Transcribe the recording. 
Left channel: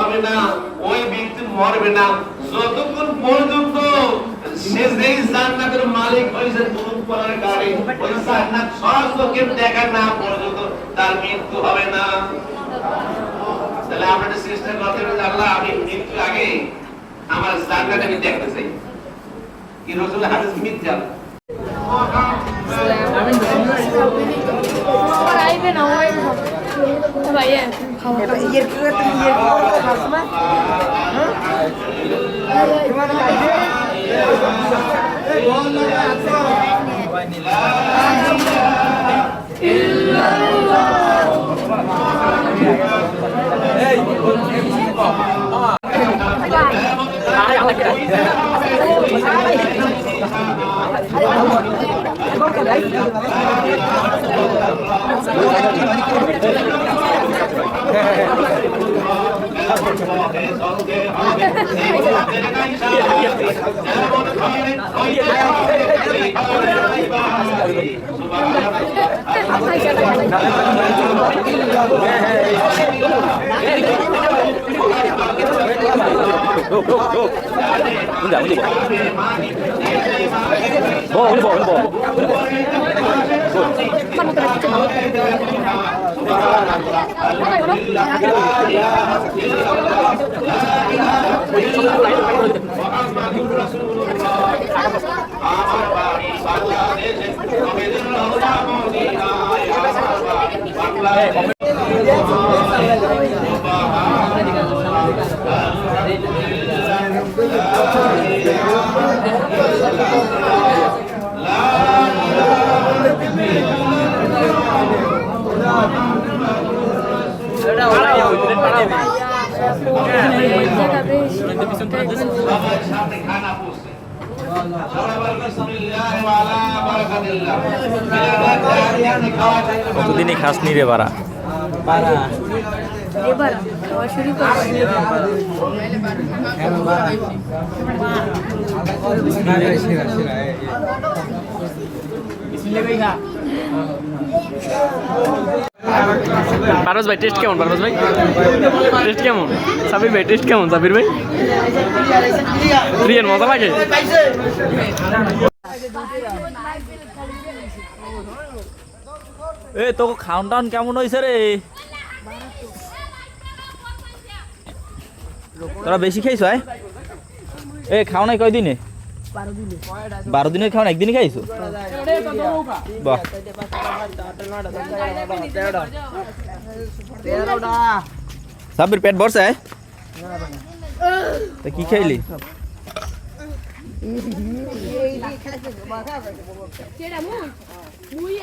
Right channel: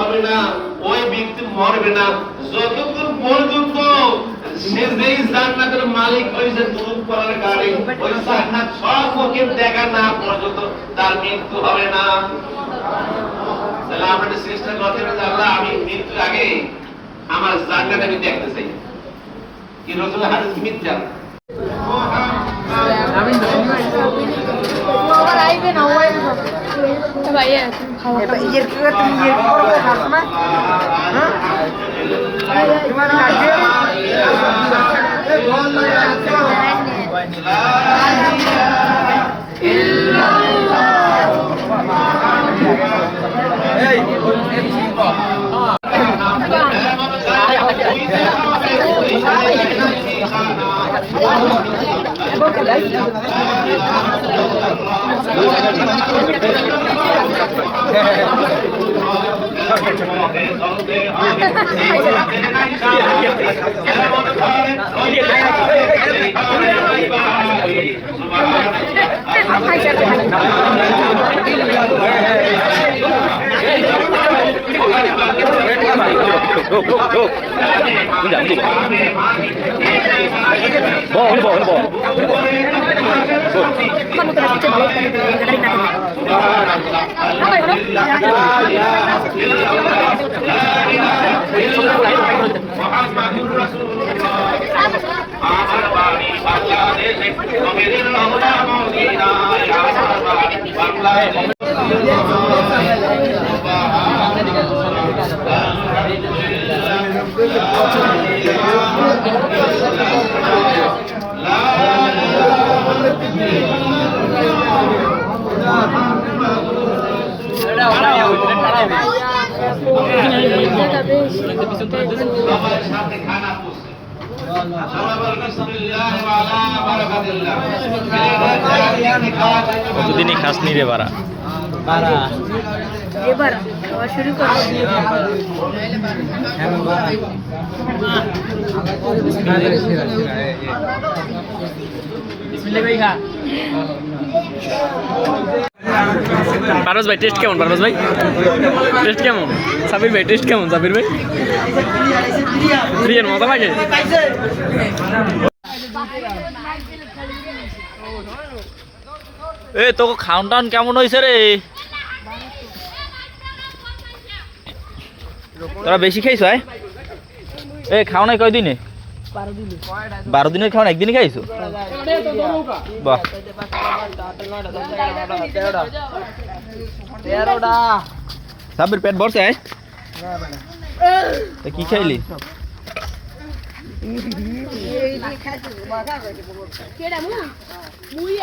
হবে না, ওই ব্যক্তি মরবে না যতক্ষণ পর্যন্ত সে যেই জান্নাতের মালিক হয়েছে নতুন করার গাড়ি ওই জান্নাত সচক্ষে দেখা না পর্যন্ত তার মৃত্যু হবে না। তাহলে আমরা চেষ্টা করতে হবে আল্লাহ আমি মৃত্যু আগে আমার জান্নাত আমি দেখতে চাই। কি রাসূল হাদিস মিথ্যা আমি আবার আইবে না ওই ভাইয়া খাওয়া ইয়ে কি তুমি ইয়ে করো খাস না হ্যাঁ তোমার কাছে কতদিনই খাস নি রে বাড়া বাড়া এবার খাওয়া শুরু করব পারভেজ ভাই টেস্ট কেমন? পারভেজ ভাই টেস্ট কেমন? সাবির ভাই টেস্ট কেমন? সাবির ভাই বিরিয়ানি মজা লাগে? এ তো খাওন টাউন কেমন হয়েছে রে? তোরা বেশি খাইছ? এ খাও নাই কয়দিনে? 12 দিনের খাওয়া একদিনই খাইছো? বাহ সাবির পেট ভরছে? কি খাইলি? মুই